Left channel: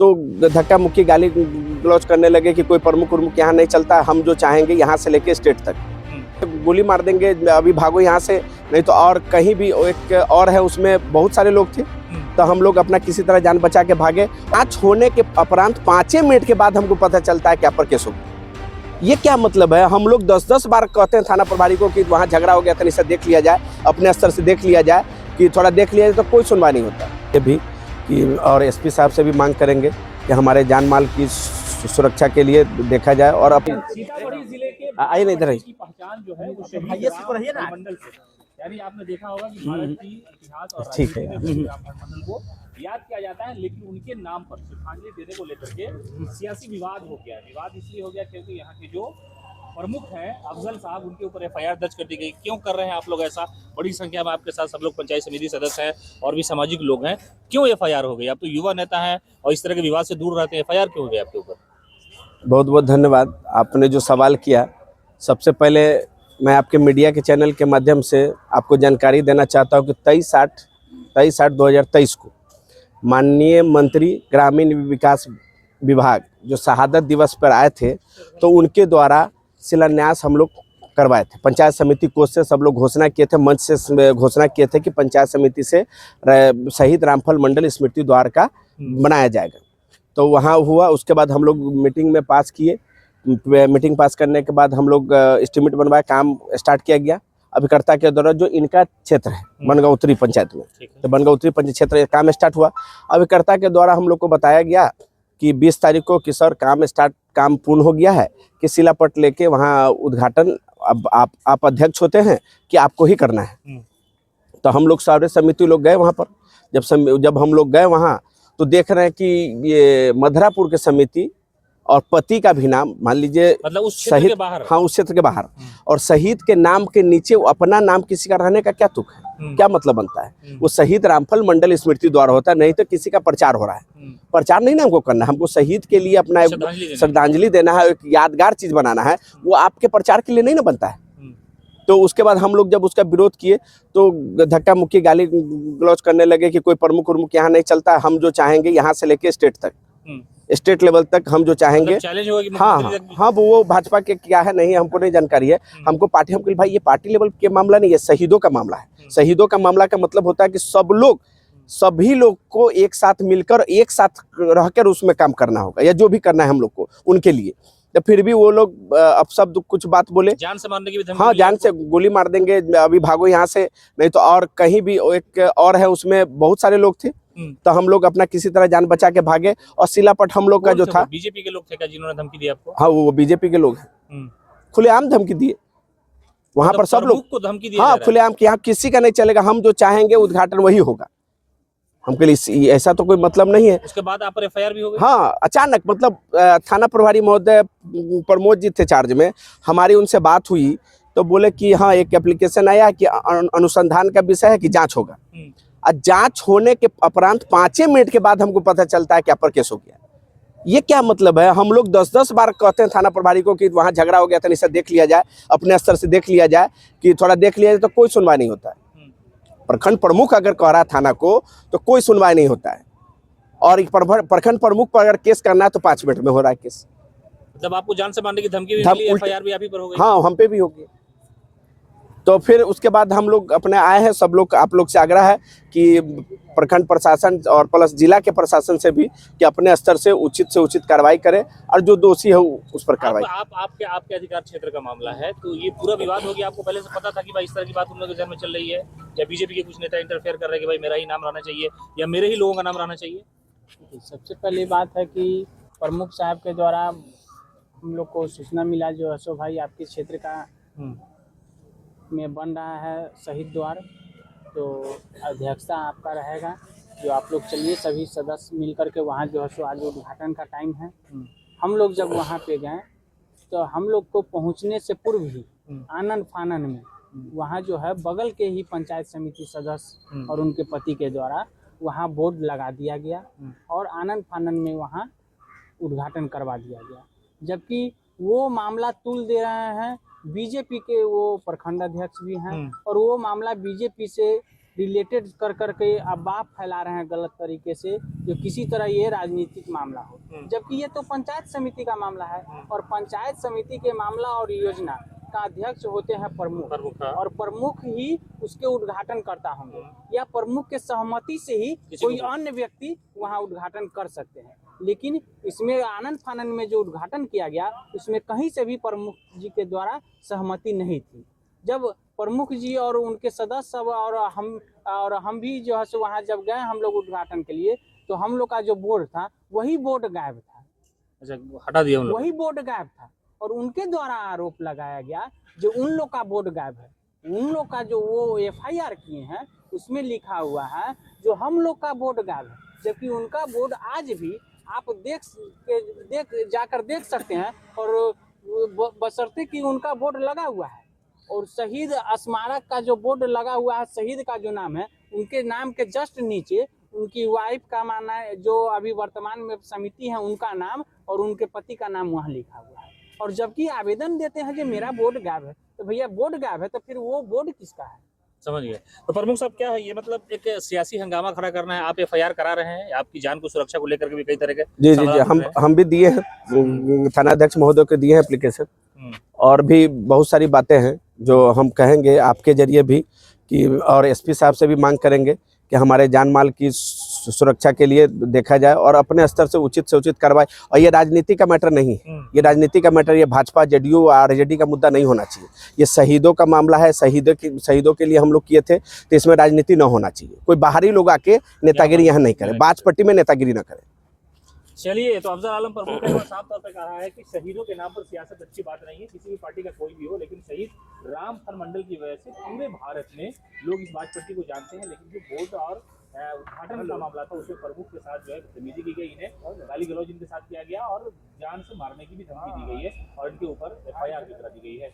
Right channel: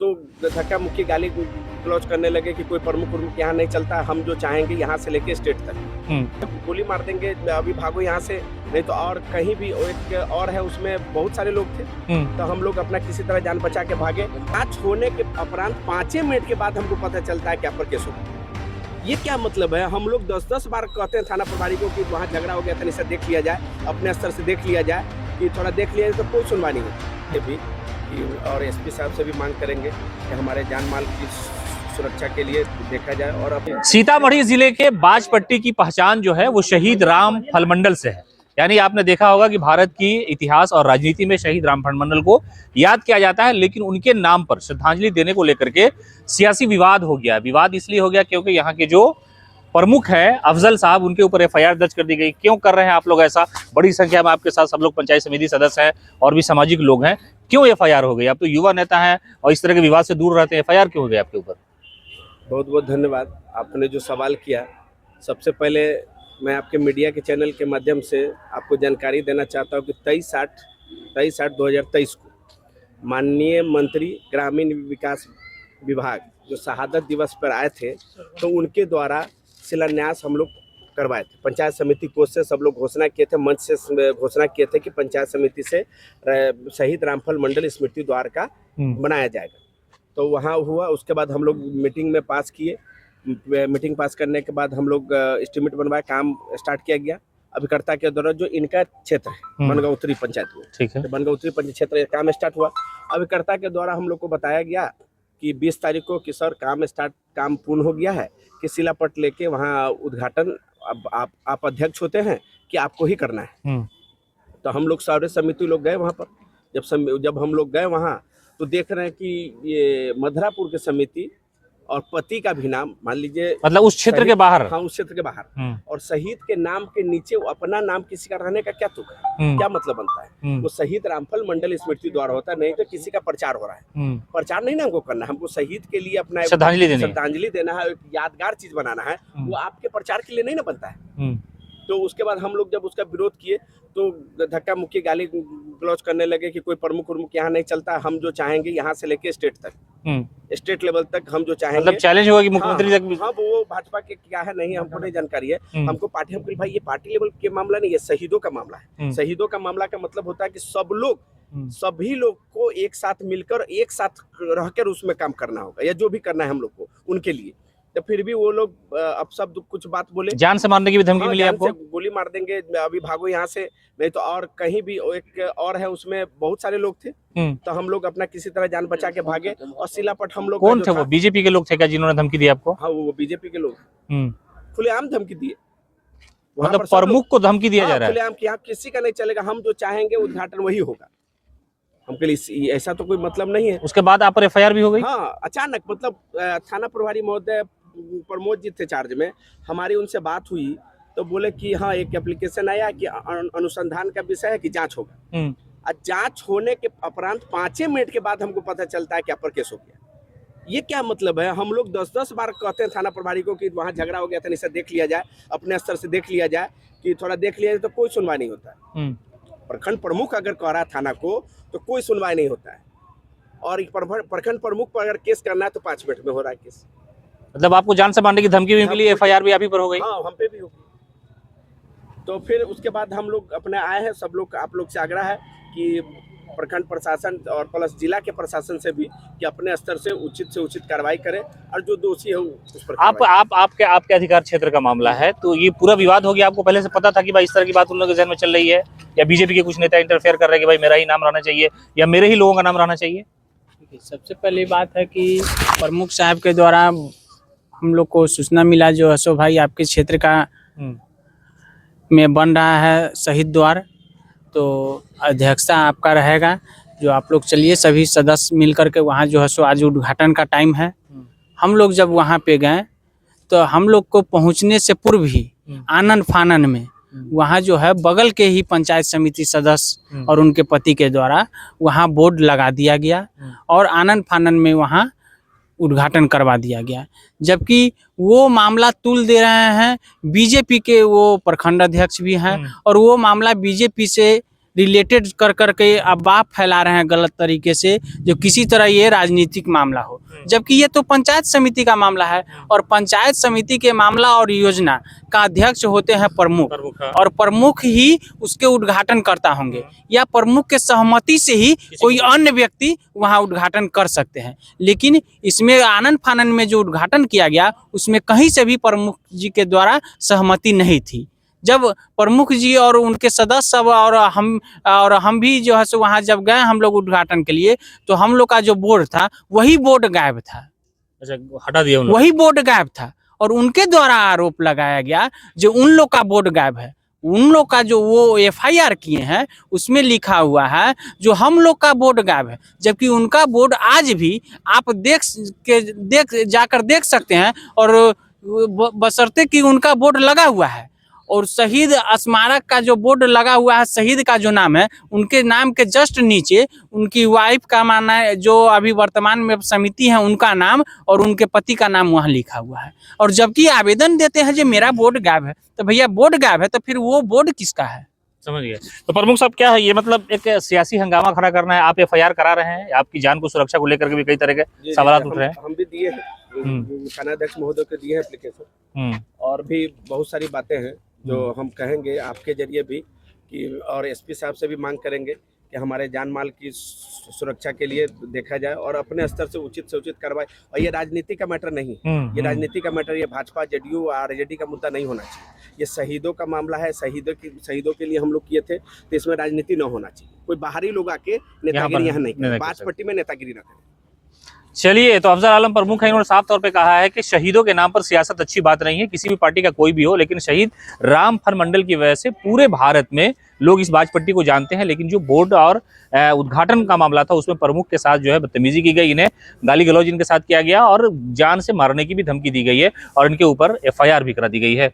तो धक्का मुक्की गाली गलौज करने लगे कि कोई प्रमुख उर्मुख यहाँ नहीं चलता, हम जो चाहेंगे यहाँ से लेके स्टेट तक तो गोली मार देंगे, अभी भागो यहाँ से, नहीं तो और कहीं भी एक और है उसमें बहुत सारे लोग थे। तो हम लोग अपना किसी तरह जान बचा के भागे। 5 होने के उपरांत 5 मिनट के बाद हमको पता चलता है क्या पर केस हो। ये क्या मतलब है? हम लोग 10-10 बार कहते हैं थाना प्रभारी को कि वहाँ झगड़ा हो गया था, इसे देख लिया जाए, अपने स्तर से देख लिया जाए, कि थोड़ा देख लिया जाए, तो कोई सुनवाई नहीं होता। ये भी कि और एसपी साहब से भी मांग करेंगे कि हमारे जान माल की सुरक्षा के लिए देखा जाए। और अब सीतामढ़ी जिले के बाजपट्टी की पहचान जो है वो शहीद राम फलमंडल से है। यानी आपने देखा होगा कि भारत की इतिहास और राजनीति में शहीद राम फलमंडल को याद किया जाता है, लेकिन उनके नाम पर श्रद्धांजलि देने को लेकर के सियासी विवाद हो गया। विवाद इसलिए हो गया क्योंकि यहाँ के जो प्रमुख है अफजल साहब, उनके ऊपर एफआईआर दर्ज कर दी गई। क्यों कर रहे हैं आप लोग ऐसा? बड़ी संख्या में आपके साथ सब लोग पंचायत समिति सदस्य हैं और भी सामाजिक लोग हैं, क्यों एफआईआर हो गई? आप तो युवा नेता हैं और इस तरह के विवाद से दूर रहते हैं, एफआईआर क्यों हो गई आपके ऊपर? बहुत बहुत धन्यवाद आपने जो सवाल किया। सबसे पहले मैं आपके मीडिया के चैनल के माध्यम से आपको जानकारी देना चाहता हूँ कि 23/8/2023 को माननीय मंत्री ग्रामीण विकास विभाग जो शहादत दिवस पर आए थे, तो उनके द्वारा शिलान्यास हम लोग करवाए थे। पंचायत समिति कोष से सब लोग घोषणा किए थे, मंच से घोषणा किए थे कि पंचायत समिति से शहीद रामफल मंडल स्मृति द्वार का बनाया जाएगा। तो वहाँ हुआ। उसके बाद हम लोग मीटिंग में पास किए। मीटिंग पास करने के बाद हम लोग एस्टीमेट बनवाए, काम स्टार्ट किया गया। अभिकर्ता के द्वारा जो इनका क्षेत्र है बनगांवतरी पंचायत में, ठीक है, तो बनगांवतरी पंचायत क्षेत्र काम स्टार्ट हुआ। अभिकर्ता के द्वारा हम लोग को बताया गया कि 20 तारीख को कि सर काम पूर्ण हो गया है, कि शिलापट लेके वहाँ उद्घाटन अब आप अध्यक्ष होते हैं कि आपको ही करना है। तो हम लोग सारे समिति लोग गए वहाँ पर। जब हम लोग गए वहाँ तो देख रहे हैं कि ये मधुरापुर के समिति और पति का भी नाम, मान लीजिए, मतलब उस क्षेत्र के बाहर। हाँ, उस क्षेत्र के बाहर। और शहीद के नाम के नीचे अपना नाम किसी का रहने का क्या तुक है? क्या मतलब बनता है? वो शहीद रामफल मंडल स्मृति द्वारा होता है, नहीं तो किसी का प्रचार हो रहा है। प्रचार नहीं ना हमको करना है, हमको शहीद के लिए अपना श्रद्धांजलि देना है, एक यादगार चीज बनाना है। वो आपके प्रचार के लिए नहीं ना बनता है। तो उसके बाद हम लोग जब उसका विरोध किए तो धक्का मुक्की गाली गलौज करने लगे कि कोई प्रमुख उर्मुख यहाँ नहीं चलता, हम जो चाहेंगे यहाँ से लेके स्टेट तक, स्टेट लेवल तक हम जो चाहेंगे। मतलब चैलेंज हुआ कि मुख्यमंत्री तक। हाँ, वो भाजपा के क्या है नहीं, हमको नहीं जानकारी है। हमको पार्टी, हमको भाई ये पार्टी लेवल के मामला नहीं है, शहीदों का मामला है। शहीदों का मामला का मतलब होता है कि सभी लोग को एक साथ मिलकर, एक साथ रहकर उसमें काम करना होगा, या जो भी करना है हम लोग को उनके लिए। तो फिर भी वो लोग अब सब कुछ बात बोले, जान से मारने की भी धमकी। हाँ, जान से गोली मार देंगे, अभी भागो यहाँ से, नहीं तो और कहीं भी एक और है उसमें बहुत सारे लोग थे। तो हम लोग अपना किसी तरह जान बचा के भागे। और शिलापट हम लोग का जो था, बीजेपी के लोग थे क्या जिन्होंने धमकी दी आपको? हाँ, वो बीजेपी के लोग हैं। खुलेआम धमकी दिए वहां पर, प्रमुख को धमकी दिया जा रहा है खुलेआम कि यहाँ किसी का नहीं चलेगा, हम जो चाहेंगे उद्घाटन वही होगा। हमके लिए ऐसा तो कोई मतलब नहीं है। उसके बाद आप पर एफआईआर भी हो गई? हाँ, अचानक, मतलब थाना प्रभारी महोदय प्रमोद जी थे चार्ज में, हमारी उनसे बात हुई तो बोले कि हाँ, एक एप्लीकेशन आया कि अनुसंधान का विषय है कि जांच होगा। और जांच होने के उपरांत 5 मिनट के बाद हमको पता चलता है क्या पर केस हो गया। ये क्या मतलब है? हम लोग 10-10 बार कहते हैं थाना प्रभारी को कि वहाँ झगड़ा हो गया था, इसे देख लिया जाए, अपने स्तर से देख लिया जाए, कि थोड़ा देख लिया जाए, तो कोई सुनवाई नहीं होता है। प्रखंड प्रमुख अगर कह रहा है थाना को तो कोई सुनवाई नहीं होता है। और प्रखंड प्रमुख पर अगर केस करना है तो 5 मिनट में हो रहा है केस। मतलब आपको जान से मारने की धमकी भी मिली, एफआईआर भी आप ही पर हो गई? हाँ, हम पे भी हो गई। तो फिर उसके बाद हम लोग अपने आए हैं, सब लोग, आप लोग से आग्रह है कि प्रखंड प्रशासन और प्लस जिला के प्रशासन से भी कि अपने स्तर से उचित कार्रवाई करें, और जो दोषी है उस पर आपके अधिकार क्षेत्र का मामला है, तो ये पूरा विवाद हो गया। आपको पहले से पता था कि भाई इस तरह की बात उन लोगों के जहन में चल रही है, या बीजेपी के कुछ नेता इंटरफेयर कर रहे हैं कि भाई मेरा ही नाम रहना चाहिए या मेरे ही लोगों का नाम रहना चाहिए? सबसे पहली बात है कि प्रमुख साहब के द्वारा हम लोग को सूचना मिला, जो अशोक भाई आपके क्षेत्र का में बन रहा है शहीद द्वार, तो अध्यक्षता आपका रहेगा। जो आप लोग चलिए सभी सदस्य मिल करके वहाँ जो है सो आज उद्घाटन का टाइम है। हम लोग जब वहाँ पे गए तो हम लोग को पहुँचने से पूर्व ही आनन फानन में वहाँ जो है बगल के ही पंचायत समिति सदस्य और उनके पति के द्वारा वहाँ बोर्ड लगा दिया गया और आनन फानन में वहाँ उद्घाटन करवा दिया गया। जबकि वो मामला तुल दे रहे हैं बीजेपी के वो प्रखंड अध्यक्ष भी हैं और वो मामला बीजेपी से रिलेटेड कर करके अफवाह फैला रहे हैं गलत तरीके से, जो किसी तरह ये राजनीतिक मामला हो, जबकि ये तो पंचायत समिति का मामला है। और पंचायत समिति के मामला और योजना का अध्यक्ष होते हैं प्रमुख, और प्रमुख ही उसके उद्घाटन करता होंगे, या प्रमुख के सहमति से ही कोई अन्य व्यक्ति वहां उद्घाटन कर सकते हैं। लेकिन इसमें आनन फानन में जो उद्घाटन किया गया उसमें कहीं से भी प्रमुख जी के द्वारा सहमति नहीं थी। जब प्रमुख जी और उनके सदस्य सब और हम भी जो है सो वहाँ जब गए हम लोग उद्घाटन के लिए, तो हम लोग का जो बोर्ड था वही बोर्ड गायब था। अच्छा, हटा दिया उन लोग। वही बोर्ड गायब था, और उनके द्वारा आरोप लगाया गया जो उन लोग का बोर्ड गायब है। उन लोग का जो वो FIR किए हैं उसमें लिखा हुआ है जो हम लोग का बोर्ड गायब है, जबकि उनका बोर्ड आज भी आप जाकर देख सकते हैं, और बशर्ते कि उनका बोर्ड लगा हुआ है। और शहीद स्मारक का जो बोर्ड लगा हुआ है, शहीद का जो नाम है, उनके नाम के जस्ट नीचे उनकी वाइफ का माना है, जो अभी वर्तमान में समिति है उनका नाम और उनके पति का नाम वहाँ लिखा हुआ है। और जबकि आवेदन देते हैं जो मेरा बोर्ड गायब है, तो भैया बोर्ड गायब है तो फिर वो बोर्ड किसका है? समझ गए। तो प्रमुख साहब क्या है ये, मतलब एक सियासी हंगामा खड़ा करना है, आप FIR करा रहे हैं, आपकी जान को सुरक्षा को लेकर के भी कई तरह के जी सवाल उठ रहे हैं। हम भी दिए हैं, थानाध्यक्ष महोदय को दिए हैं एप्लीकेशन, और भी बहुत सारी बातें हैं जो हम कहेंगे आपके जरिए भी कि, और SP साहब से भी मांग करेंगे कि हमारे जान माल की सुरक्षा के लिए देखा जाए और अपने स्तर से उचित कार्रवाई। और ये राजनीति का मैटर नहीं है, ये राजनीति का मैटर, ये भाजपा JDU RJD का मुद्दा नहीं होना चाहिए। ये शहीदों का मामला है, शहीदों के लिए हम लोग किए थे, तो इसमें राजनीति न होना चाहिए। कोई बाहरी लोग आके नेतागिरी यहाँ नहीं करे, बाजपट्टी में नेतागिरी न करे। चलिए, तो अफजल आलम प्रमुख है, इन्होंने साफ तौर पे कहा है कि शहीदों के नाम पर सियासत अच्छी बात नहीं है, किसी भी पार्टी का कोई भी हो, लेकिन शहीद राम फलमंडल की वजह से पूरे भारत में लोग इस बाजपट्टी को जानते हैं। लेकिन जो बोर्ड और उद्घाटन का मामला था उसमें प्रमुख के साथ जो है बदतमीजी की गई, इन्हें गाली गलौज इनके साथ किया गया और जान से मारने की भी धमकी दी गई है, और इनके ऊपर FIR भी करा दी गई है।